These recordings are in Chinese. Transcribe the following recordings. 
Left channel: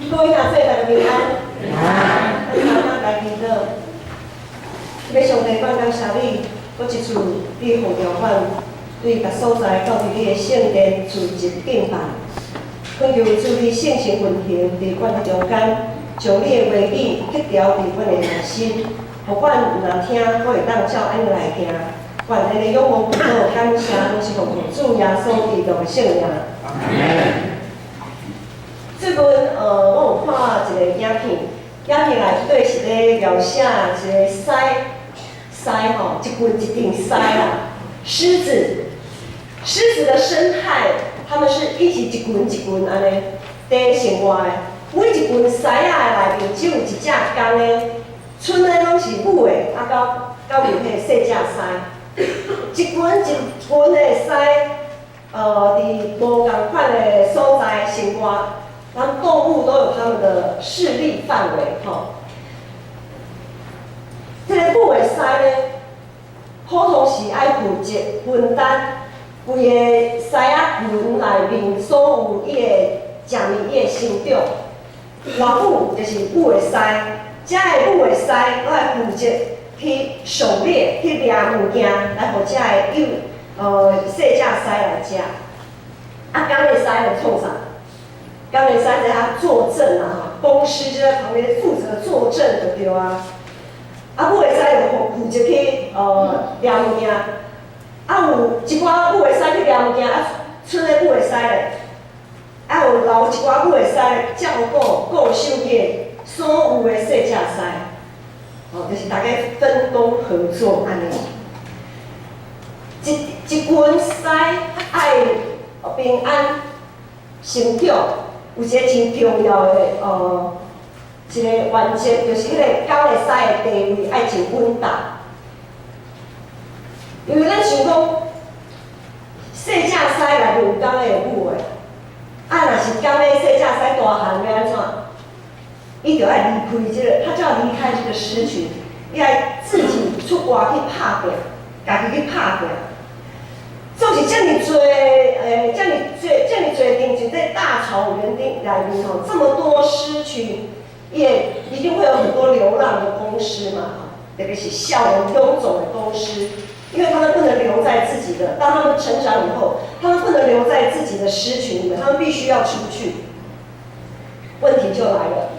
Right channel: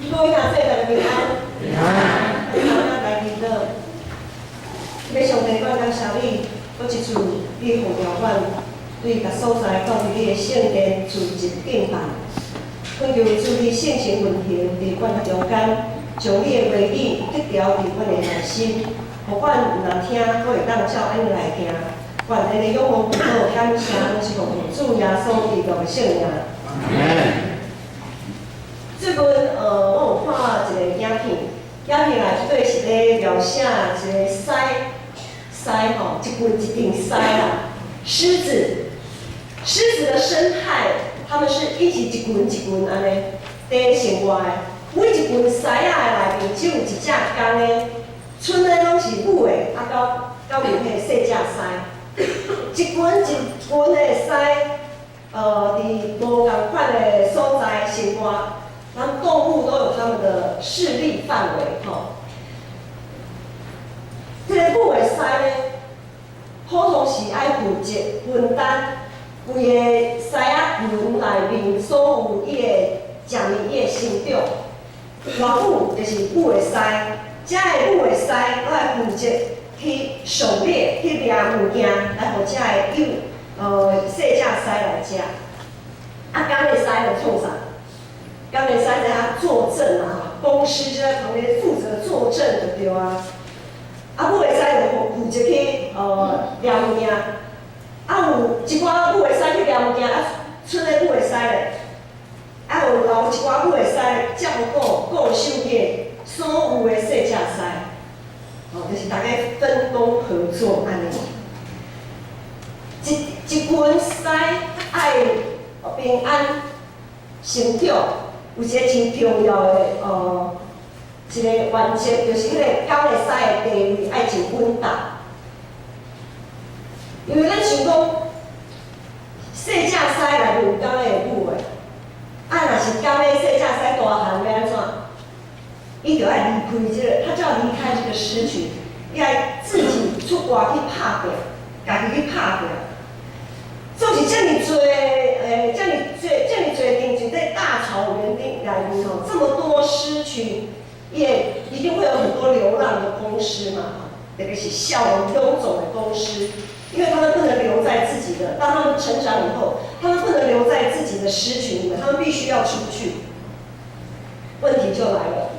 各位兄弟大家平安。平安。大家记得，要上帝感恩谢你，搁一次你呼召阮对各所在到伫你的圣殿自入敬拜，恳求主你圣情运行伫阮的中间，将你的话语结条伫阮的内心，互阮若听，搁会当照安尼来行。愿咱的仰望祈祷感谢，拢是奉主耶稣基督的圣名。最近我有看一个影片，影片内底是咧描写一个狮吼，一群一群狮啦，狮子的生态，他们是一起一群一群安尼在生活的。每一群狮仔的内面只有一只公的，剩的拢是母的，到有迄细只狮，一群一群的狮，伫无共款的所在生活。咱动物都有它们的势力范围，吼。这个母的狮呢，普通是爱负责分担规个狮仔群内面所有伊个食物伊个成长。外母就是母的狮，这个母的狮都爱负责去狩猎、去掠物件，来互这个细只狮来食。公的狮就创啥？刚才在他作证啊，公狮就在旁边负责作证就对啊。母的狮就负责去掠物件，有一寡母的狮去掠物件，剩的母的狮咧，有留一寡母的狮照顾守去所有的细只狮，就是大家分工合作安尼。一群狮爱平安成长。有一个真重要的一个原则，就是迄个狗的狮的地位爱真稳当。因为咱想讲，细只狮内面有公的有母的，若是公的细只狮大汉要安怎？伊就要离开这个，他就要离开这个狮群，伊爱自己出外去拍拼，家己去拍拼。就是这么多，这么多顶就在大草原顶内面吼，这么多狮群，也一定会有很多流浪的公狮嘛，特别是笑容臃肿的公狮，因为他们不能留在自己的，当他们成长以后，他们不能留在自己的狮群里面，他们必须要出去。问题就来了，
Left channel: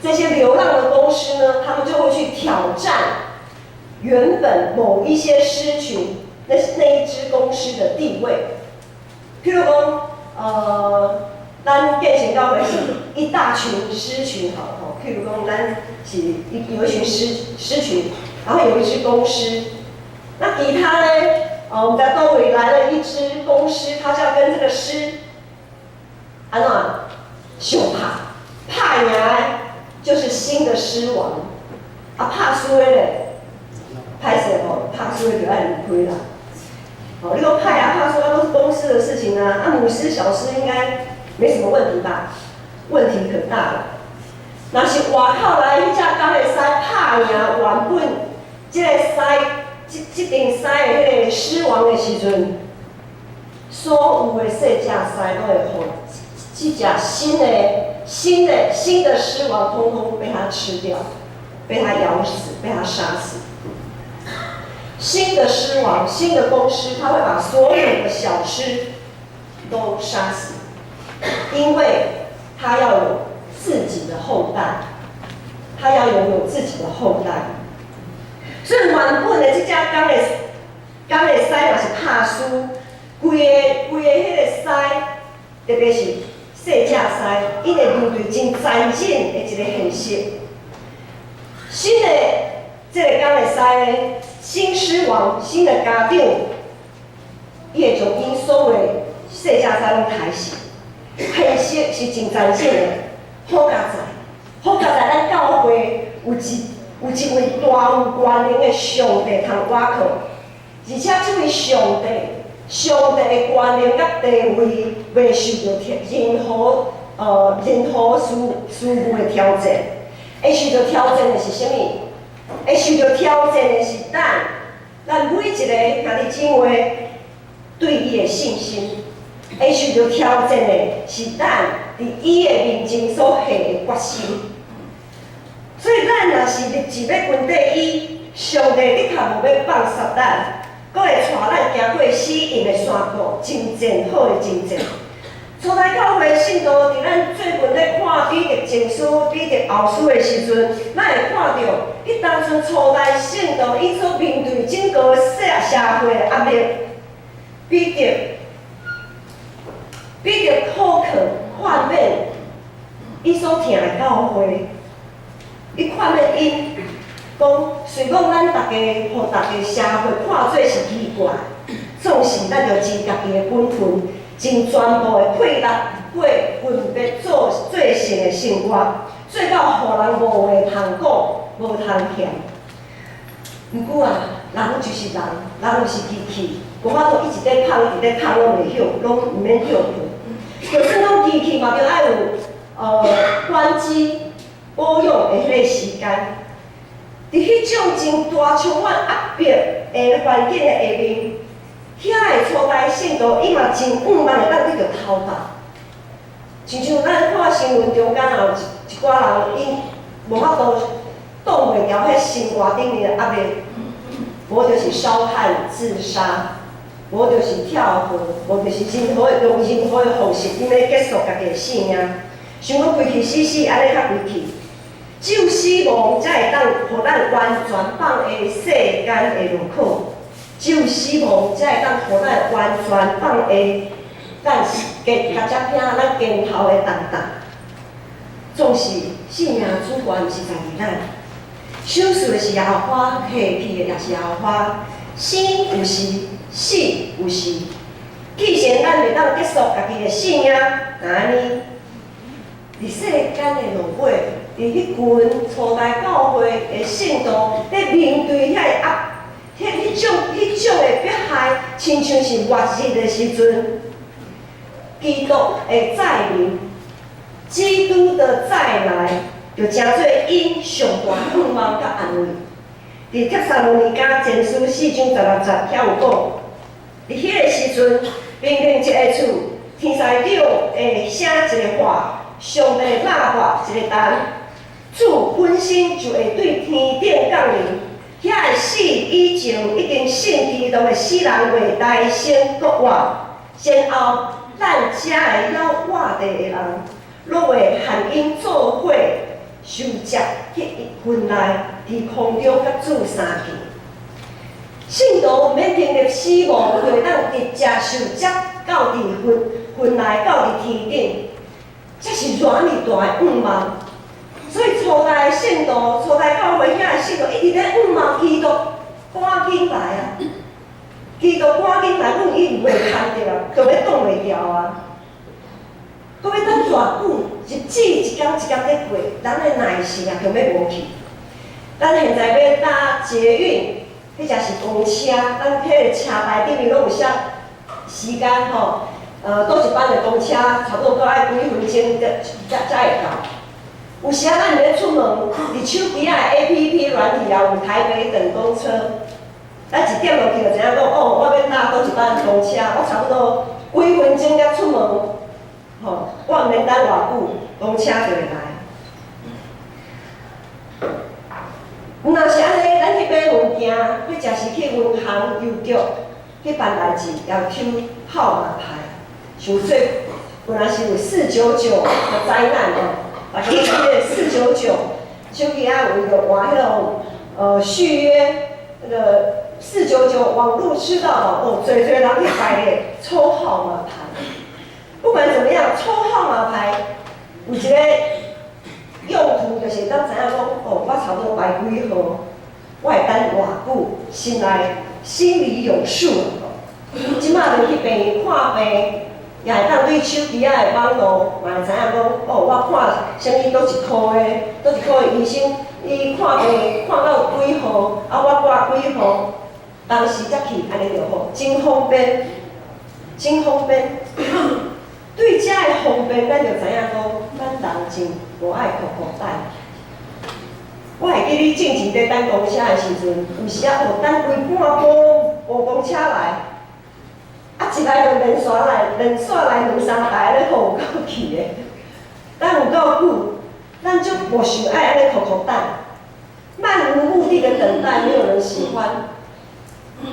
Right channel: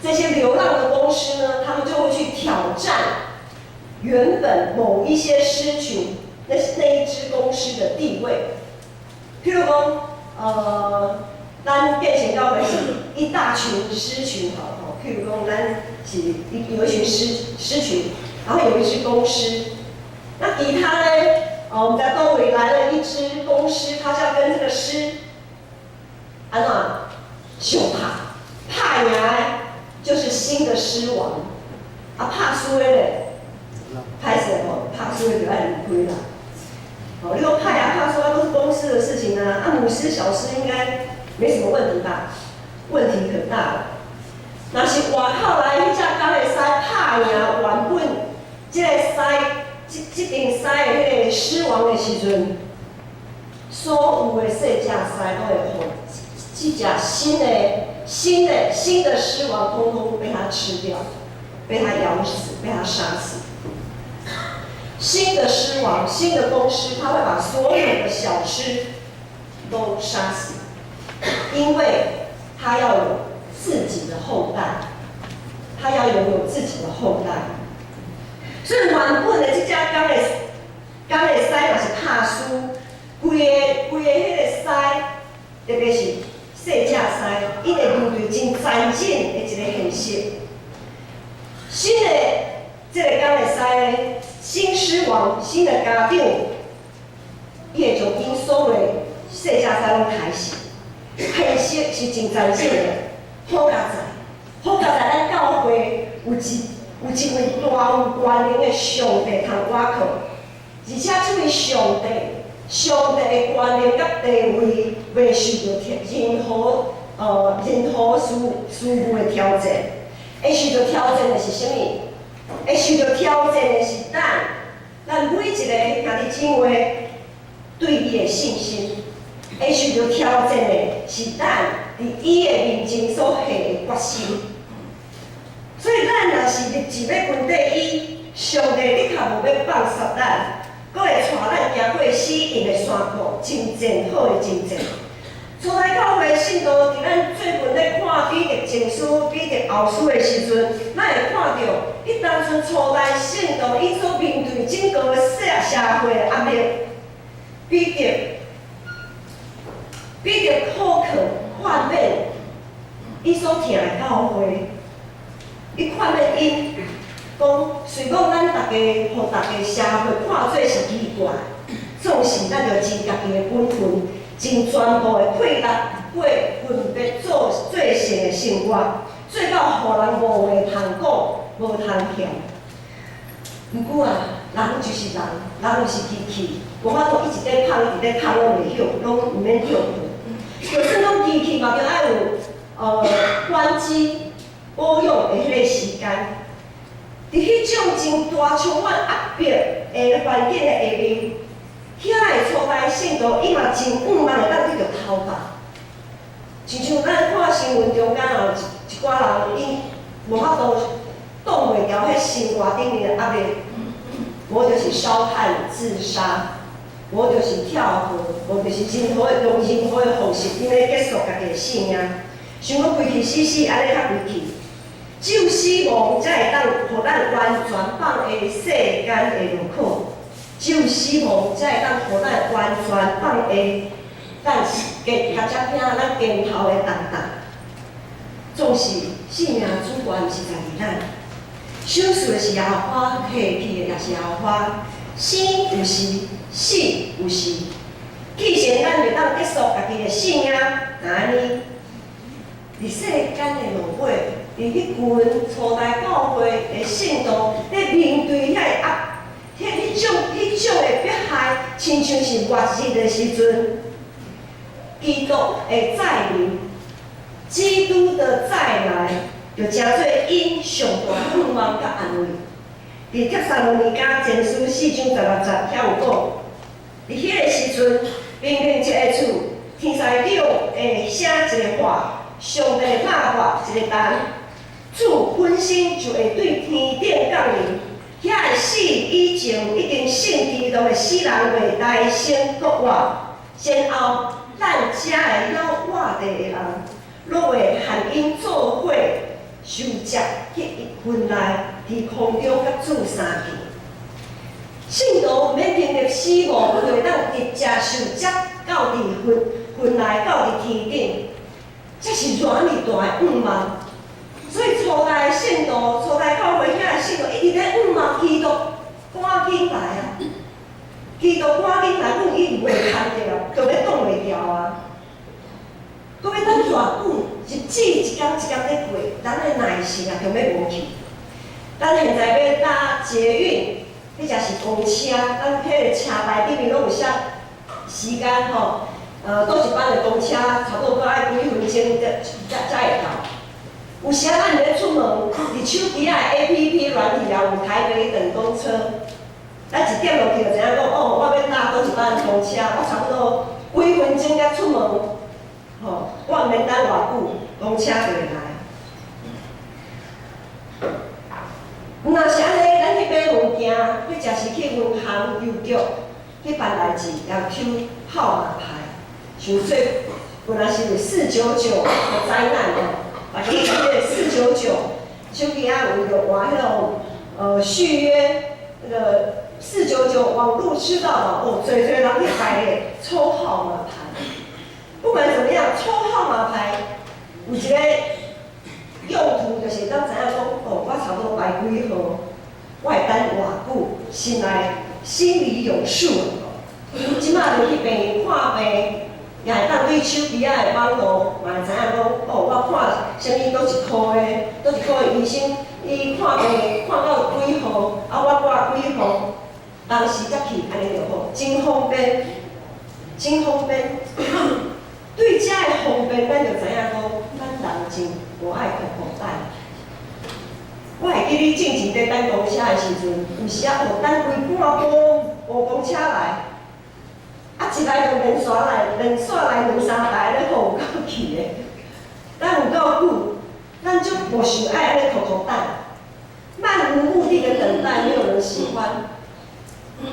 这些流浪的公狮呢，他们就会去挑战原本某一些狮群。那一只公狮的地位，譬如讲，咱变成到的是一大群狮群，好，譬如讲，咱是有一群狮群，然后有一只公狮，那其他呢，我们在周围来了一只公狮，它就要跟这个狮，安怎相拍赢的，就是新的狮王，拍输的咧，歹势吼，拍输的就要离开啦。你说拍输都是公狮的事情啊，母狮、小狮应该没什么问题吧？问题可大了。若是外口来迄只公的狮拍赢原本这个狮，这顶狮的迄个狮王的时阵，所有的细只狮都会互这只新的狮王，通通被它吃掉，被它咬死，被它杀死。新的狮王，新的公狮，他会把所有的小狮都杀死，因为他要有自己的后代，他要拥有自己的后代。所以原本的这只公的狮若是拍输，规个迄个狮，特别是细只狮，伊会面对真残忍的一个现实。新的这个公的狮呢？新狮王、新的家长，伊会将因所有的细只狮拢杀死，现实是真残忍的。好佳哉，咱教会有一位大有权能的上帝通倚靠，而且这位上帝的权能甲地位袂受到任何事物的挑战，会受到挑战的是啥物？会受到挑战的是咱每一个兄弟姊妹对伊的信心；会受到挑战的是咱伫伊的面前所下的决心。所以咱若是立志要跟第一，上帝你较无要放杀咱，佫会带咱行过死荫的山路，真正好的真正。初代教会信徒伫咱最近咧看彼得前书、彼得后书的时阵，咱会看到，迄当阵初代信徒伊所面对整个社会的压力，彼得口渴患免，伊所听的教会，伊看免因讲，虽讲咱大家互大家社会看做是奇怪，总是咱着尽家己的本分。尽全部的配力，过分别做成的生活，做到互人无话通讲，无通嫌。毋过啊，人就是人，人就是机器，无法度一直咧捧，一直咧捧，拢袂晓，拢毋免叫困。就算讲机器嘛，着爱有关机保养的迄个时间。伫迄种真大充满压迫的环境的下面。遐个初代信徒，伊嘛真毋茫会当去着偷达，亲像咱看新闻中间有一寡人，伊无法度挡袂牢迄生活顶面的压力，无就是烧炭自杀，无就是跳河，无就是任何用任何的方式，因要结束家己的性命，想要规气死死，安尼较规气。只有死亡才会当互咱完全放下世间的路口。只有死亡才会当互咱完全放下咱较只拼咱肩头的重担。总是性命主权毋是在于咱，手术的是耶和华，下去的也是耶和华，生有时，死有时。既然咱袂当结束家己的性命，那安尼，伫世间的路尾，伫迄群初代教会的信徒咧面对遐个迄种的迫害，亲像是末日的时阵，基督的再临，基督的再来，就诚做因上大盼望甲安慰。伫帖撒罗尼迦前书4章16节遐有讲，伫迄个时阵，明明一个厝，天使长会写一个话，上帝喇叭一个弹，主本身就会对天顶降临。遐个死以前已经信基督的死人袂大声国活，然后咱遮个了活地的人，落会含因做伙受接迄一份来，伫空中甲主相见。信徒免经历死亡，就会当直接受接到伫份来到伫天顶，这是偌尼大的愿望。所以初代信徒、初代教会遐个信徒一直咧仰望基督，赶紧来啊！基督赶紧来，阮伊袂看着，就要挡袂牢啊！搁要等偌久，日子一天一天咧过，咱的耐性啊，就要无去。咱现在要搭捷运，迄才是公车，咱迄个车牌顶面拢有写时间吼，倒一班的公车，差不多搁爱几分钟才会到。有时啊，咱咧出门，伫手机啊 APP 软体啊，有台北等公车，咱一点落去就知影讲，哦，我要搭倒一班公车，我差不多几分钟才出门，吼，我毋免等偌久，公车就会来。若是安尼，咱去买物件，或者是去银行、邮局去办代志，要抽号码牌，像说本来是有499的灾难哦。把迄个499，手机啊有着换迄种续约，那个499网络吃到饱，哦，最人去排咧抽号码牌。不管怎么样，抽号码牌有一个用途，就是当知影讲，哦，我差不多排几号，我会等偌久，心里有数。即马就去病院看病。也会当对手机仔的网络，嘛会知影讲，哦，我看啥物倒一科的，倒一科的医生，伊看病看到几号，啊，我挂几号，当时才去，安尼就好，真方便，真方便。对遮的方便，咱就知影讲，咱人真无爱苦苦等。我会记你之前在等公车的时阵，有时啊，哦，等规半晡无公车来。啊，一来就连续来，2、3台咧，互有够气的。咱有够久，咱无想爱安尼苦苦等，漫无目的的等待，没有人喜欢。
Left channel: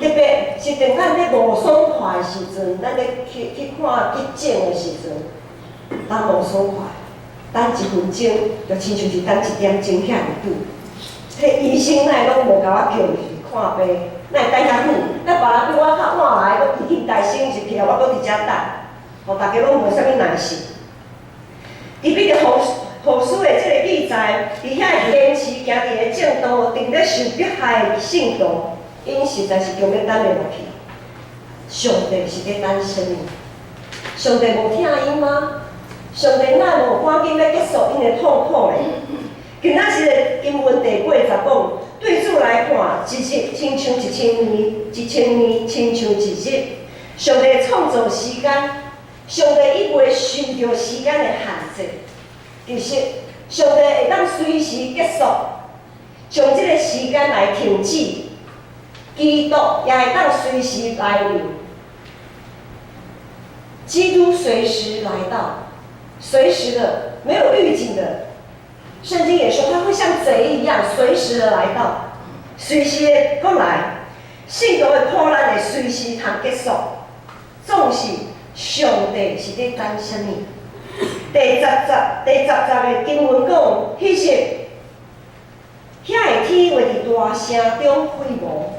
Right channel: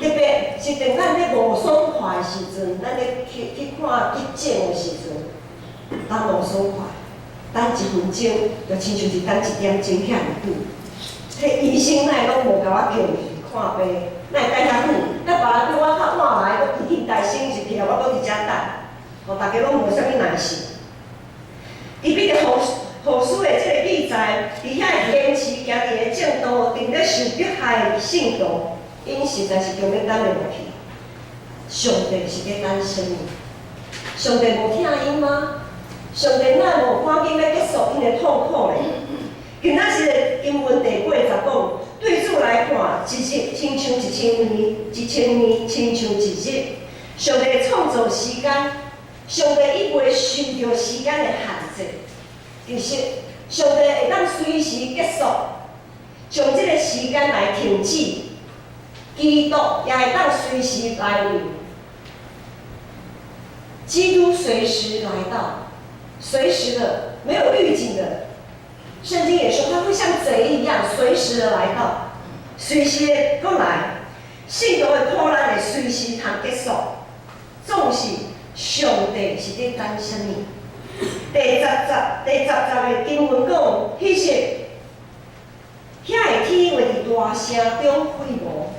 特别是当咱咧无爽快的时阵，咱咧去看急诊的时阵，当无爽快，等1分钟，就亲像是等1点钟遐尔久。迄医生哪会拢无甲我叫去看病，哪会等遐久？咱别人比我较晚来，我提起台先入去啊，我搁伫遮等，互大家拢无啥物耐心。伊比着护士的这个记载，伫遐坚持行伫个正道，顶咧受迫害的信徒。因实在是强要等袂落去。上帝是咧等什么？上帝无听因吗？上帝哪无赶紧要结束因的痛苦咧？今仔日的经文第80讲，对主来看，一日亲像1000年，1000年亲像一日。上帝创造时间，上帝伊袂受着时间的限制。其实，上帝会当随时结束，将这个时间来停止。基督也会当随时来临，基督随时来到，随时的，没有预警的。圣经也说他会像贼一样，随时的来到，随时的过来。信徒的苦难会随时通结束，总是上帝是咧等什么？第十节的经文讲，迄时，遐个天会伫大声中飞舞。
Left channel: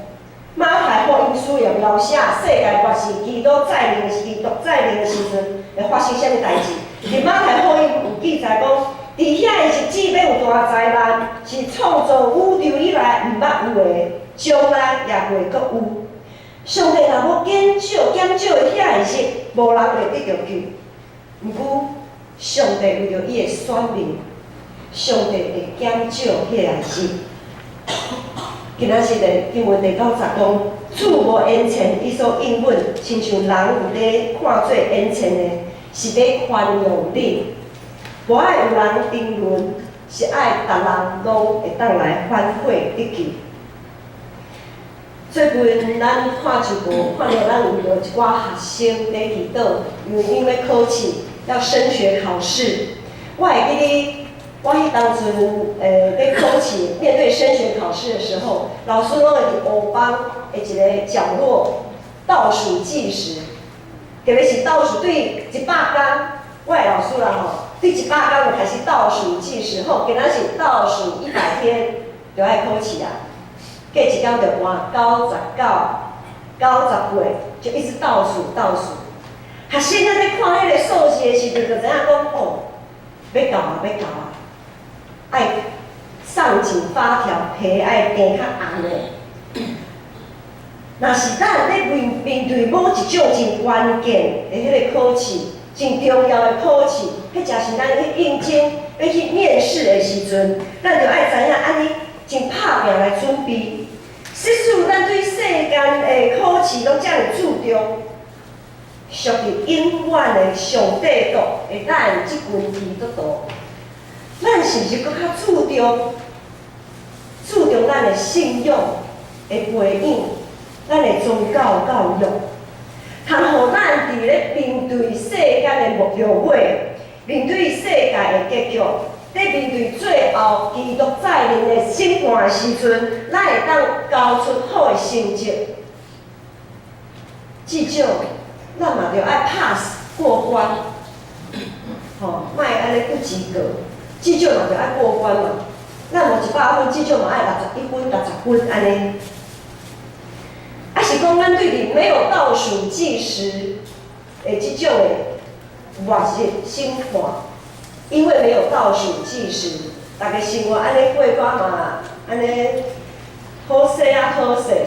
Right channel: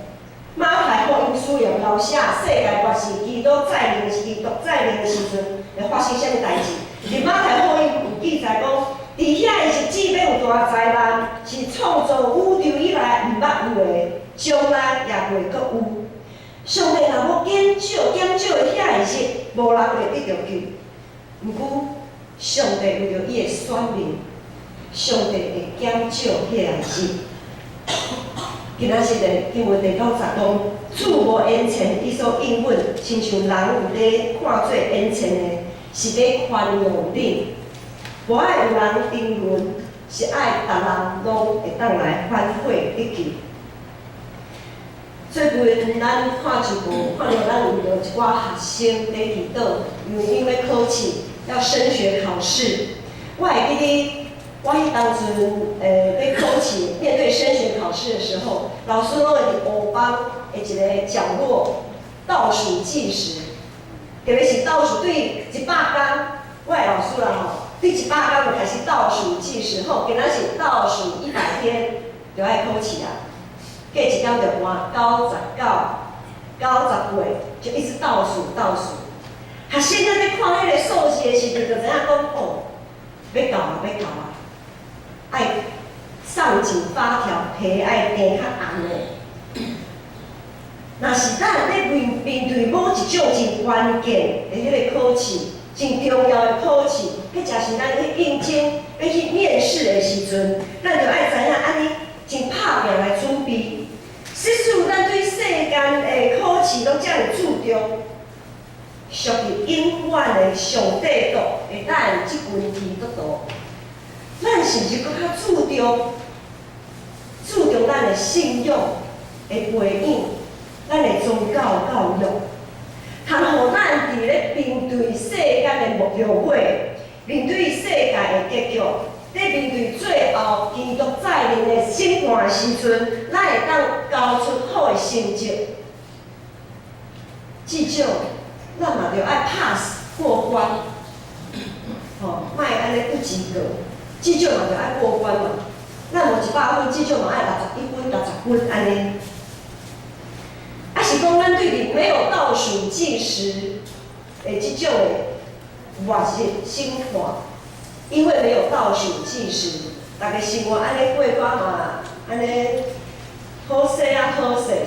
马太福音书也描写世界末世基督再临的时阵会发生什么代志？伫马太福音有记载讲，伫遐的日子要有大灾难，是创造宇宙以来毋捌有的，将来也袂阁有。上帝若要减少的遐个日，无人会得着救。毋过，上帝为着伊的选民，上帝会减少遐个日。今仔日的经文第90讲，主无缘钱，伊所应允，亲像人有咧看做缘钱的，是咧宽容恁。无爱有人争论，是爱逐人拢会当来反悔得救。最近咱看直播，看到咱有一寡学生咧祈祷，因为考试要升学考试，我会记得。我迄当阵，在考试面对升学考试的时候，老师拢会伫黑板的一个角落倒数计时，特别是倒数对100天，我的老师啦吼，对100天就开始倒数计时，吼，今仔是倒数100天就爱考试啊，过一天就换99、98，就一直倒数。学生仔在看迄个数字的时阵，就知影讲哦，要到啊。爱上紧发条，皮爱变较红的。若是咱咧面对某一种真关键的迄个考试，真重要的考试，迄正是咱去应征、要去面试的时阵，咱就爱知影安尼真拍拼来准备。实属咱对世间的考试拢遮尔注重，属于永远的上帝度会等即份基督徒。咱是毋是搁较注重咱的信仰的培养，咱的宗教教育，通互咱伫咧面对世间的魔鬼，面对世界的结局，在面对最后基督再临的审判的时阵，咱会当交出好的成绩。至少，咱嘛着爱 pass 过关，莫安尼不及格。至少嘛着爱过关嘛，咱无100分，至少嘛爱61分、60分安尼。啊是讲咱对于没有倒数计时的即种的末日审判，因为没有倒数计时，大家生活安尼过关嘛，安尼好势，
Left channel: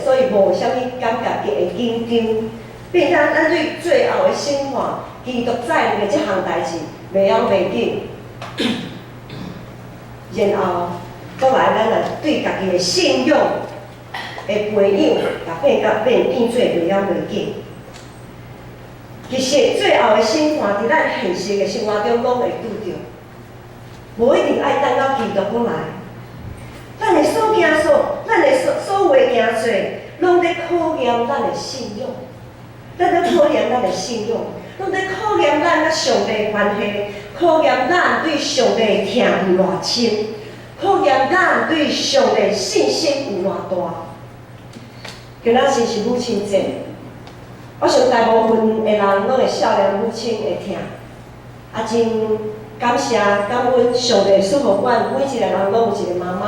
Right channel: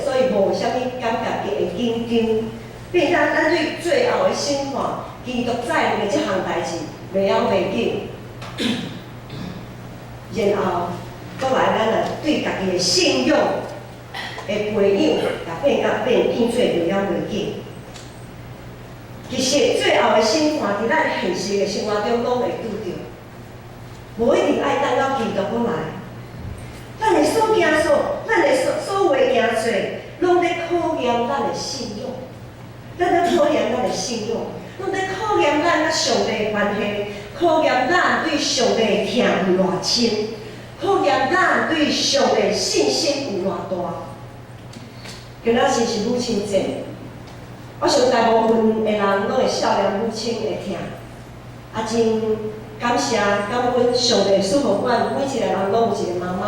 所以无啥物感觉会紧张。变咱对最后的审判，基督再临的即项代志，袂晓袂紧。然后，再来咱来对家己的信仰的培养，也变做袂晓袂紧。其实最后的审判，伫咱现实的生活中拢会拄着，无一定爱等到基督过来。咱的所行咱的所为行做，拢在考验咱的信仰。咱在考验咱的信仰，拢在考验咱甲上帝的关系，考验咱对上帝的疼有偌深，考验咱对上帝信心有偌大。今仔日是母亲节，我想大部分的人拢会少年母亲的疼，真感谢感恩上帝赐予阮每一个人拢有一个妈妈，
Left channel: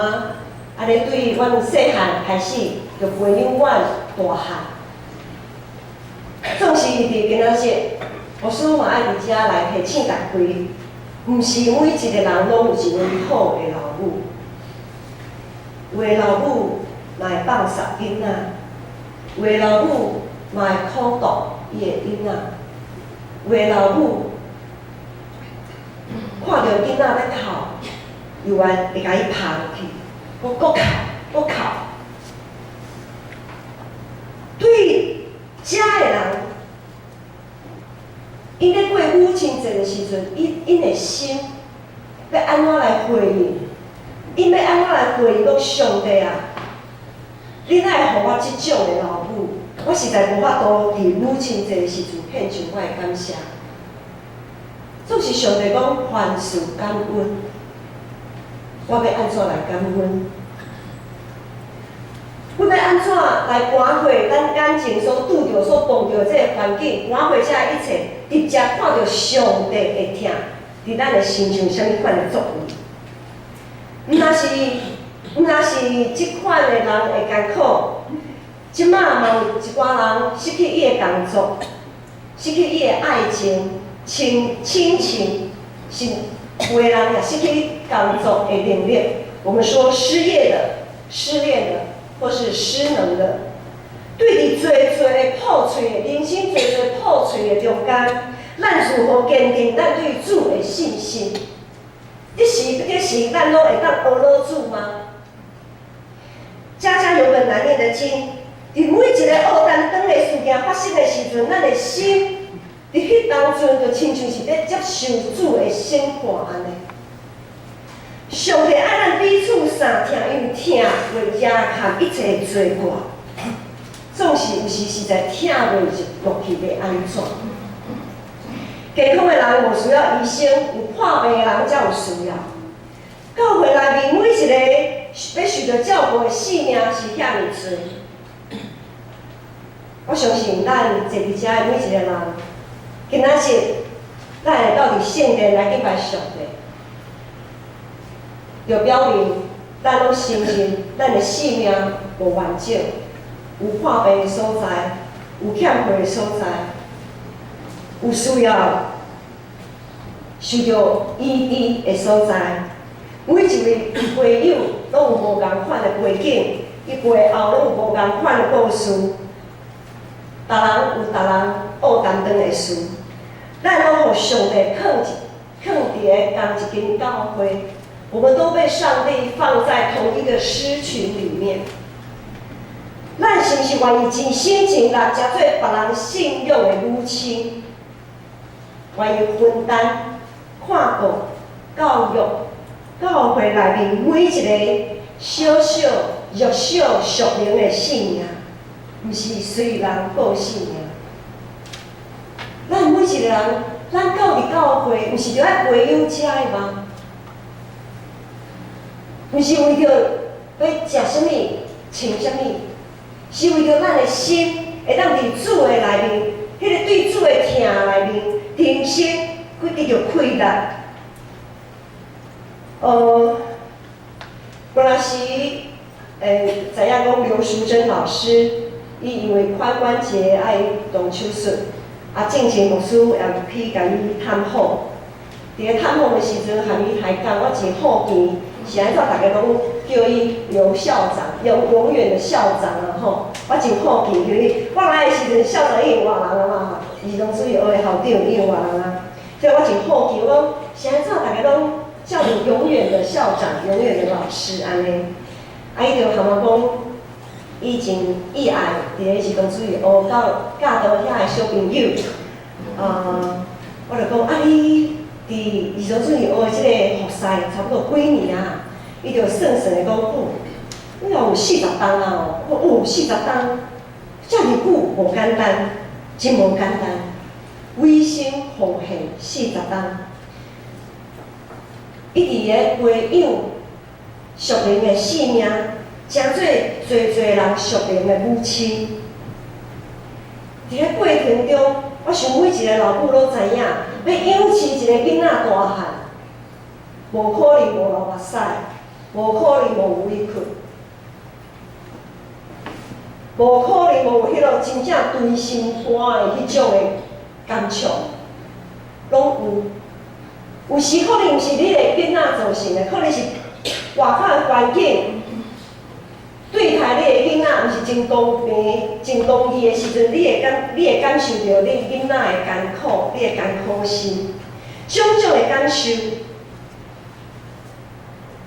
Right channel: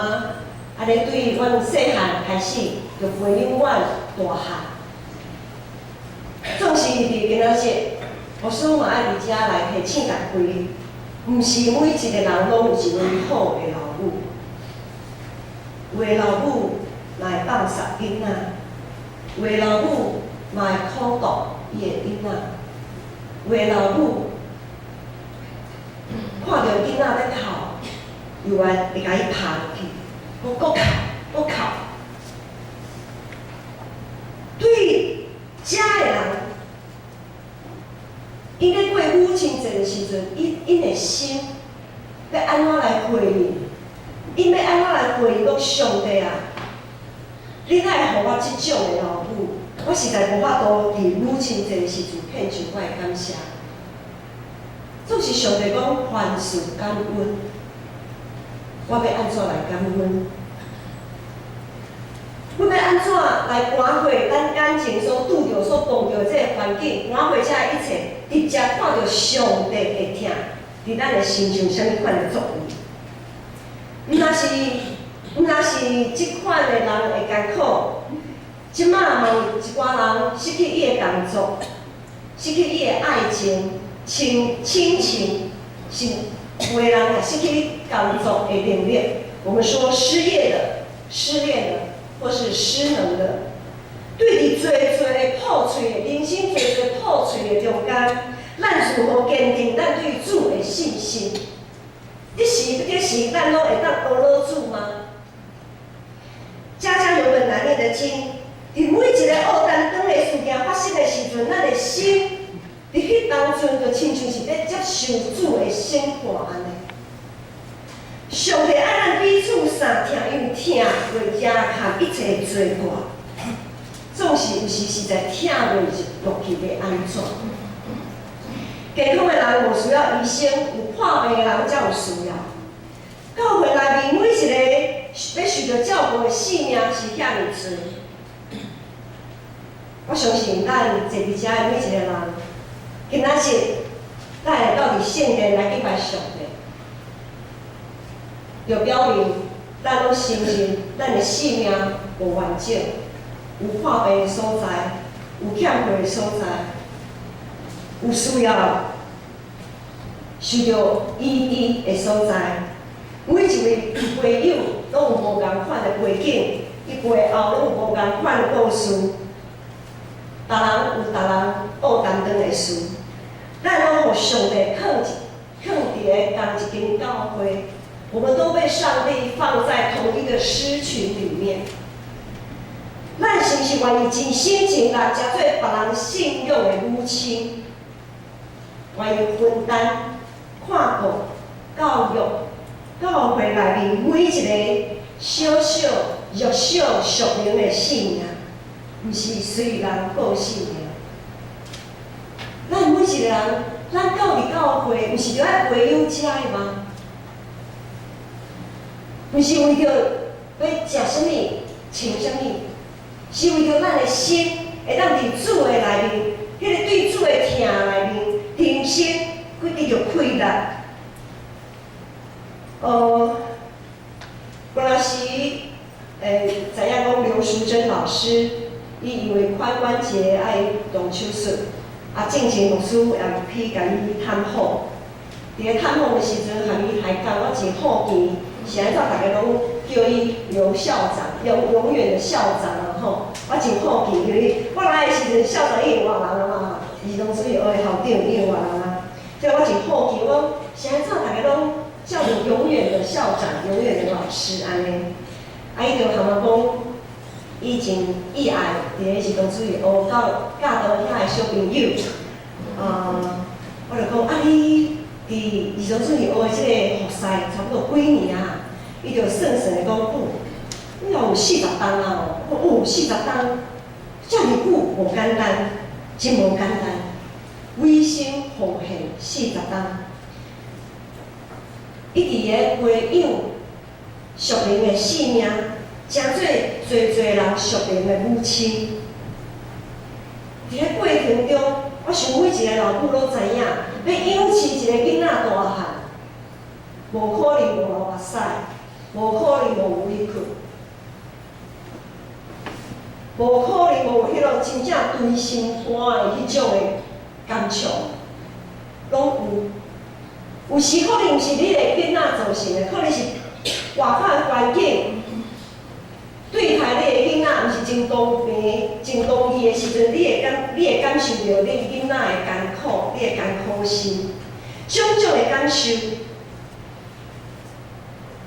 安尼对阮细汉开始就培养阮大汉。总是伫今仔日，牧师嘛爱伫遮来提醒大家，毋是每一个人拢有一位好的老母。有的老母嘛会放杀囡仔，有的老母嘛会苦毒伊的囡仔，有的老母看到囡仔在哭，又会甲伊拍落去，搁哭，搁哭。对遮的人，因咧过母亲节的时阵，因的心要安怎来回应？因要安怎来回应讲上帝啊？你哪会互我即种的老母？我实在无法度伫母亲节的时阵献上我的感谢。总是上帝讲凡事感恩，我要安怎来感恩？阮要安怎来盘过咱眼前所拄着、所碰着这个环境，盘过这一切，直接看到上帝的疼伫咱的身上什么款的作为？毋若是即款的人会艰苦，即马嘛有一寡人失去伊的工作，失去伊的爱情、亲情，是有的人也失去工作的能力。我们说失业的、失恋的，或是失能的，对伫侪的破碎的人生、侪破碎的中间，咱如何坚定咱对主的信心？这是咱拢会当学老主吗？家家有本难念的经，伫每一个黑暗灯的事件发生的时阵，咱的心伫迄当阵就亲像是咧接受主的审判安尼。上帝爱咱彼此相疼，因为疼袂加含一切的罪过，总是有时实在疼袂落去要安怎？健康的人无需要医生，有破病的人才有需要。教会内面每一个要受到照顾的性命是遐尼多，我相信咱坐伫遮的每一个人，今仔日咱会到伫圣殿来敬拜上帝，就表明咱拢承认咱的性命无完整，有破病的所在，有欠缺的所在。有需要受到医治的所在，每一位会友拢有无共款的背景，伊背后拢有无共款的故事。逐人有逐人黑担当的事，咱拢互上帝放伫个同一间教会，我们都被上帝放在同一个狮群里面。咱是不是愿意真心真力，加做别人信用的母亲？愿意分担、看顾、教育教会内面每一个小小、弱小、属灵的性命，毋是随人过性命。咱每一个人，咱到伫教会，毋是着爱培养遮的吗？毋是为着要食啥物、穿啥物，是为着咱的心会当伫主的内面，迄个对主的疼内面。人生规直着快乐。本来时，知影讲刘淑珍老师，伊因为髋关节爱动手术，进前牧师也去甲伊探访。伫咧探访的时阵，含伊还讲，我真好奇，是安怎大家拢叫伊刘校长，永远的校长啊吼！我真好奇，因为我来的时阵，校长已经换人啊嘛。儿童主义学的校长已经换人啊，所以我真好奇，我是安怎大家拢叫做永远的校长、永远的老师安尼？伊就含我讲，以前意爱伫咧儿童主义学教导遐个小朋友，我就讲你伫儿童主义学的即个学赛差不多几年啊？伊就算算的讲，你若有40档啊！我讲40档，遮尔久无简单。真无简单，委身奉献40档。一直咧培养属灵的性命，诚侪人属灵的母亲。伫咧过程中，我想每一个老母都知影，要养饲一个囡仔大汉，无可能无流目屎，无可能无委屈，无可能无迄落真正捶心肝的迄种的感触，拢有。有时可能是你的囡仔造成的，可能是外口的环境对待你的囡仔，毋是真公平、真公义的时阵，你会感受到你囡仔的艰苦，你的艰苦心，种种的感受。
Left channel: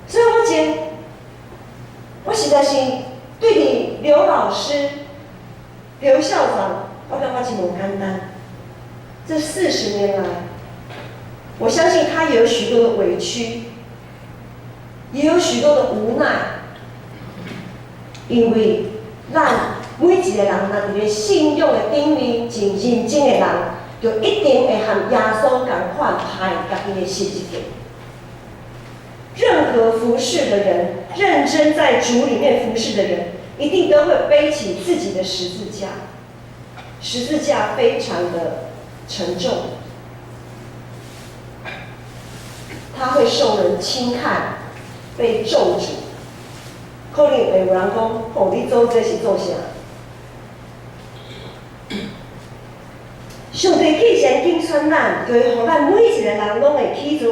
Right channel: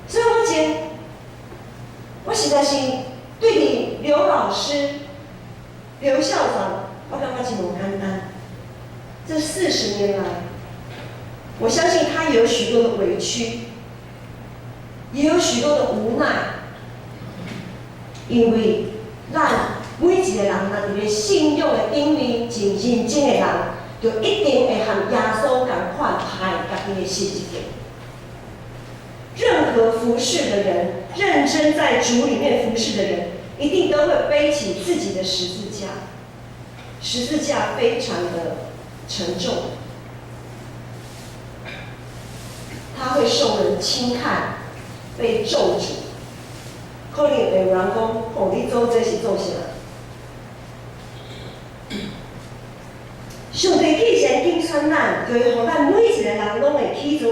所以我实在是对你刘老师、刘校长，我感觉真无简单。这40年来，我相信他也有许多的委屈，也有许多的无奈，因为咱每一个人若伫咧信仰的顶面真认真的人，就一定会和耶稣同款爱家己的十字架。任何服侍的人，认真在主里面服侍的人，一定都会背起自己的十字架。十字架非常的沉重。他会受人轻看，被咒诅。可能会有人讲：“哦，你做这是做啥？”上帝既然拣选咱，就会互咱每一个人拢会起造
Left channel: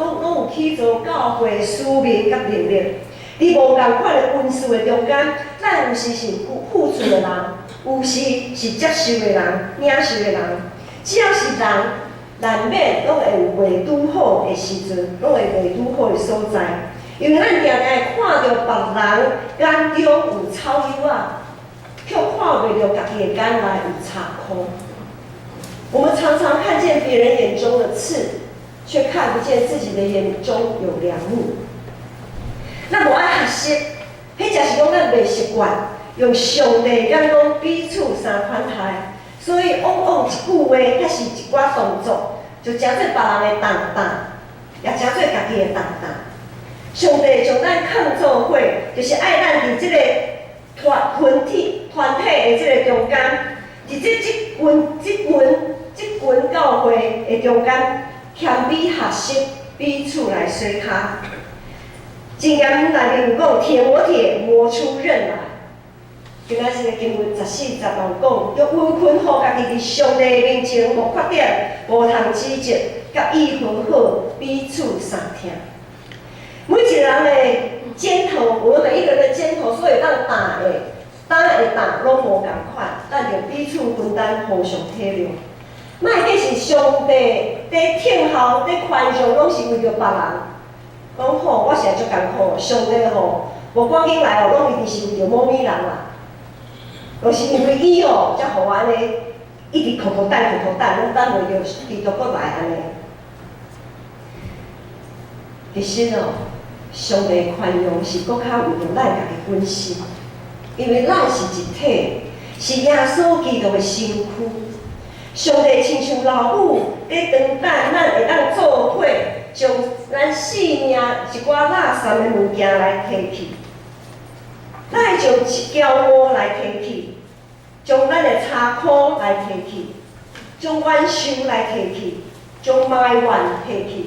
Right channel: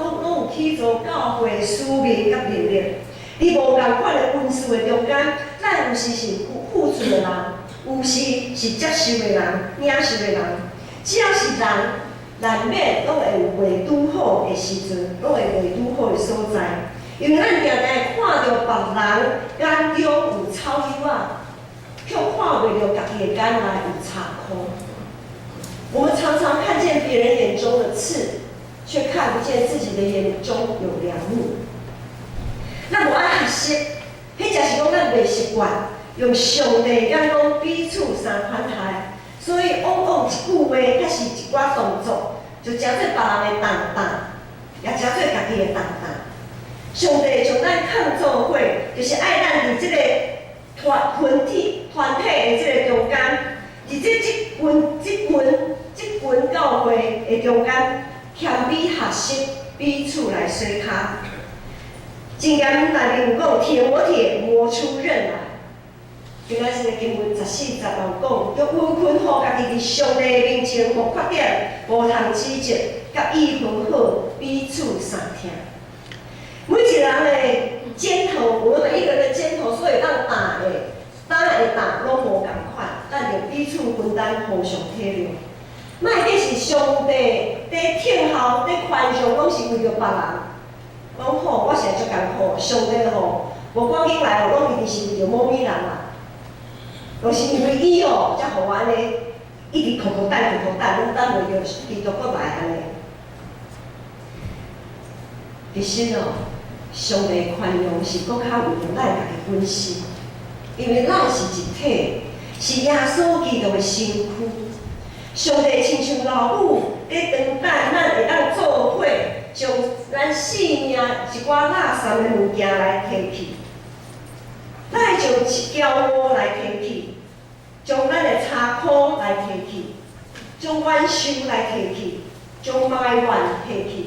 拢有起造教会使命甲能力。伫无共款的恩赐的中间，咱有时是付出的人，有时是接受的人、领受的人。只要是人，难免拢会有袂拄好的时阵，拢会袂拄好的所在。因为咱常常看到别人眼中有草油啊，却看袂到家己的眼内有插空。我们常常看见别人眼中的刺，却看不见自己的眼中有良木。咱无爱学习，迄就是讲咱袂习惯用上帝眼光彼此相款待，所以往往一句话，还是一寡动作，就诚做别人的重担，也诚做家己的重担。上帝将咱抗做伙，就是爱咱伫即个团体的即个中间，伫即群教会的中间，谦卑学习，彼此来相卡。箴言内面有讲：“铁磨铁，磨出刃来。”今仔日的经文14、15讲，要温困好家己伫上帝面前无缺点、无通指责，甲意分好，彼此相听。每一个人的肩头，我们每一个人的肩头所以当担的拢无共款，咱就彼此分担，互相体谅。莫计是上帝在听候、在宽恕，拢是为着别人。讲吼，我是来足艰苦，上帝吼，无赶紧来吼，拢一定是为着某物人啦。就是因为伊吼，才互我安尼一直苦等，拢等袂着，持续搁来安尼。其实哦，上帝宽容是搁较为着咱家己本身，因为咱是一体，是耶稣基督的身躯。上帝亲像老母在长等，咱会当做伙，将咱生命一寡垃圾的物件来提去，咱会将一条毛来提去，将咱的柴箍来提去，将冤仇来提去，将埋怨提去，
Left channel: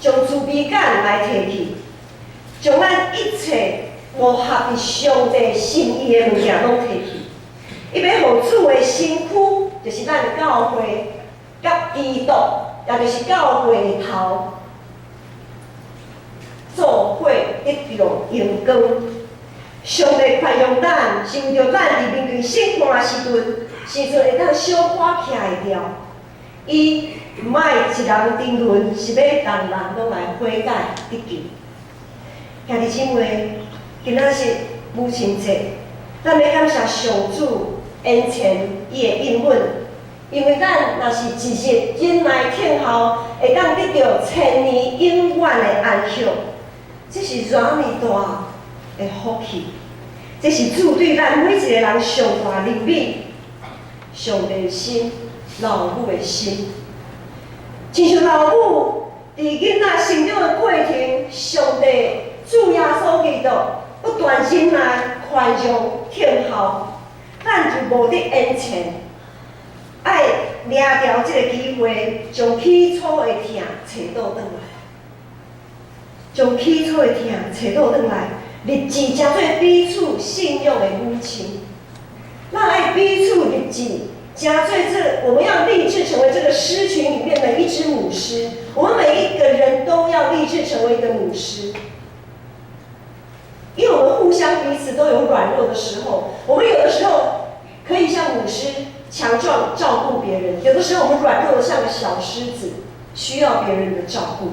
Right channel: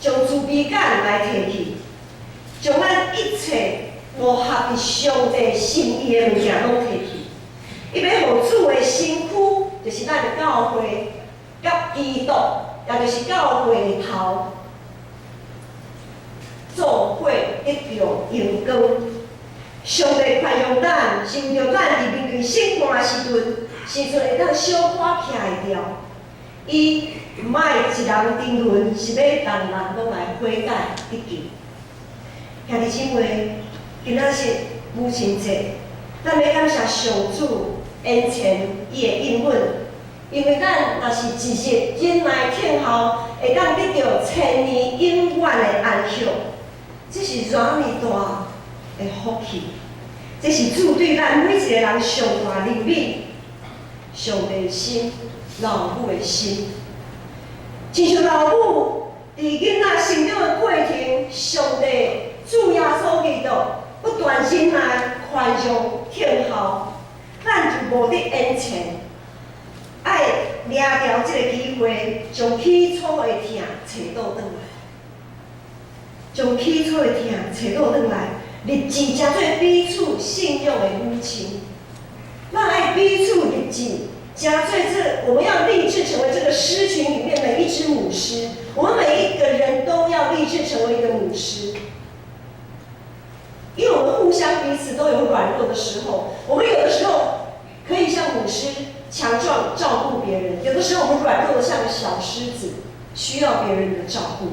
将自卑感来提去，将咱一切无合于上帝心意的物件拢提去。伊要互主的身躯，就是咱的教会，甲基督，也就是教会的头，做伙得到荣光。上帝宽容咱，是为着咱伫面对审判的时阵会当小可徛会牢。伊毋爱一人定论，是要人人拢来悔改得救。兄弟姊妹，今仔日母亲节，咱要感谢上主恩前伊的应允，因为咱若是一日忍耐听候，会当得到千年永远的安享，这是偌尔大的福气，这是主对咱每一个人上大怜悯。上帝的心，老母的心，亲像老母伫囡仔成长的过程，上帝主耶稣基督不断忍耐、宽容、听候，咱就无得恩前，爱掠着这个机会，将起初的疼找倒转来，将起初的疼找倒转来，立志成做彼此信仰的母亲。咱爱彼此立志。加最我们要立志成为这个狮群里面的一只母狮。我们每一个人都要立志成为一个母狮，因为我们互相彼此都有软弱的时候。我们有的时候可以像母狮强壮照顾别人，有的时候我们软弱的像个小狮子，需要别人的照顾。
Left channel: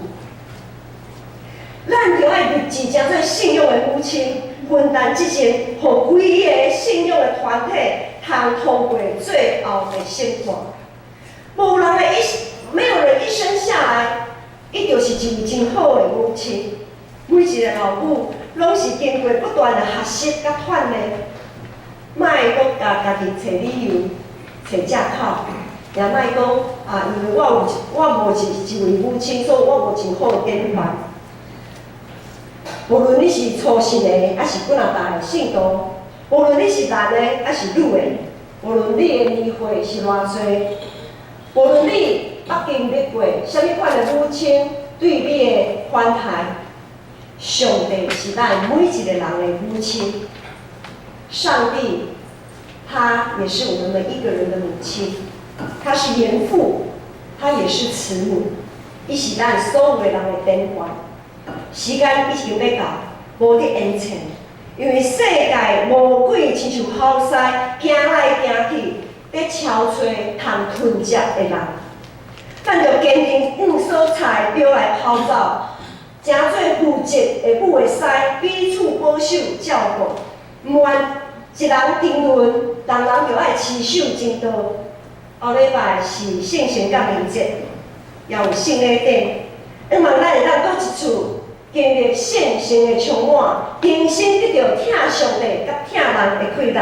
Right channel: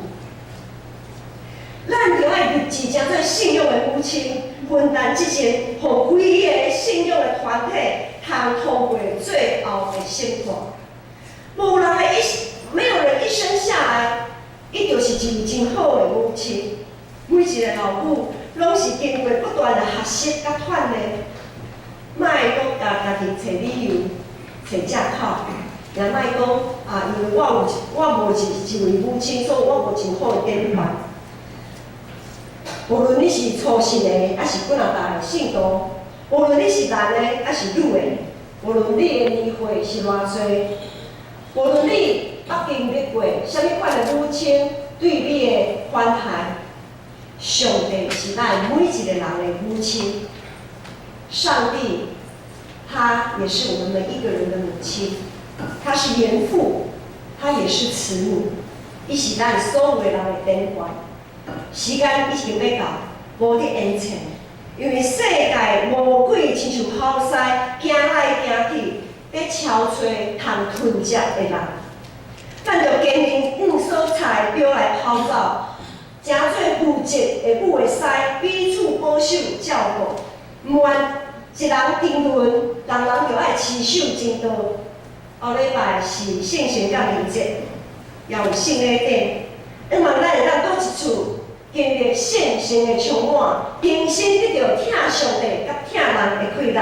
咱就爱立志将做信用的母亲，分担这件，互规个信用的团体。通通过最后的生活，没有人一生下来，伊就是一位真好的母亲。每一个老母拢是经过不断的学习甲锻炼，莫阁家己找理由、找借口，也莫讲因为我无一位母亲，所以我无真好的典范。无论你是初信的，还是加拿大的信徒。无论你是男的还是女的，无论你的年岁是偌济，无论你捌经历过什么款的母亲对你的款待，上帝是咱每一个人的母亲。上帝，他也是我们每一个人的母亲，他是严父，他也是慈母，伊是咱所有的人的典范。时间已经要到，无得延长。因为世界魔鬼亲像好狮，行来行去，在敲吹通吞食的人。咱就坚定往所在表来跑走，诚做负责的母的狮，彼此保守照顾，毋愿一人定论，人人就爱持守正道。后礼拜是圣神甲灵节，也有圣礼典，希望咱会当倒一厝。经历圣神的充满，重新得到疼上帝甲疼人的快乐，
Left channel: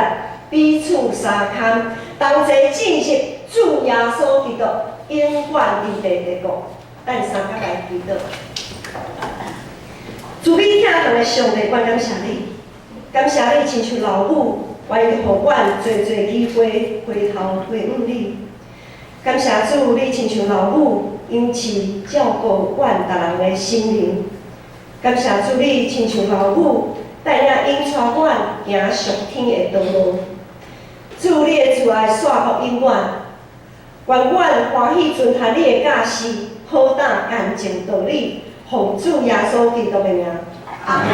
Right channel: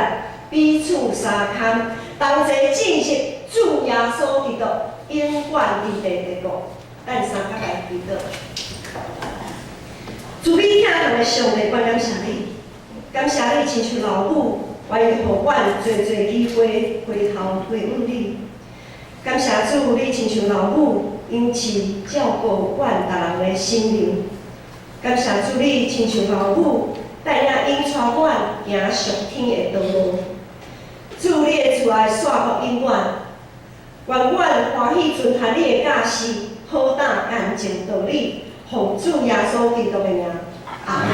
彼此相牵，同齐进入主耶稣基督永远伫地的国。咱三甲来祈祷。主你疼人的上帝，我感谢你，感谢你亲像老母，愿意互阮侪机会回头回问你。感谢主，你亲像老母，因此照顾阮逐人的心灵。感谢主，你亲像老母，带领引带阮行上天的道路。主，你的慈爱线福永远，愿阮欢喜遵行你的教示，好打干净道理，奉主耶稣基督的名，阿门。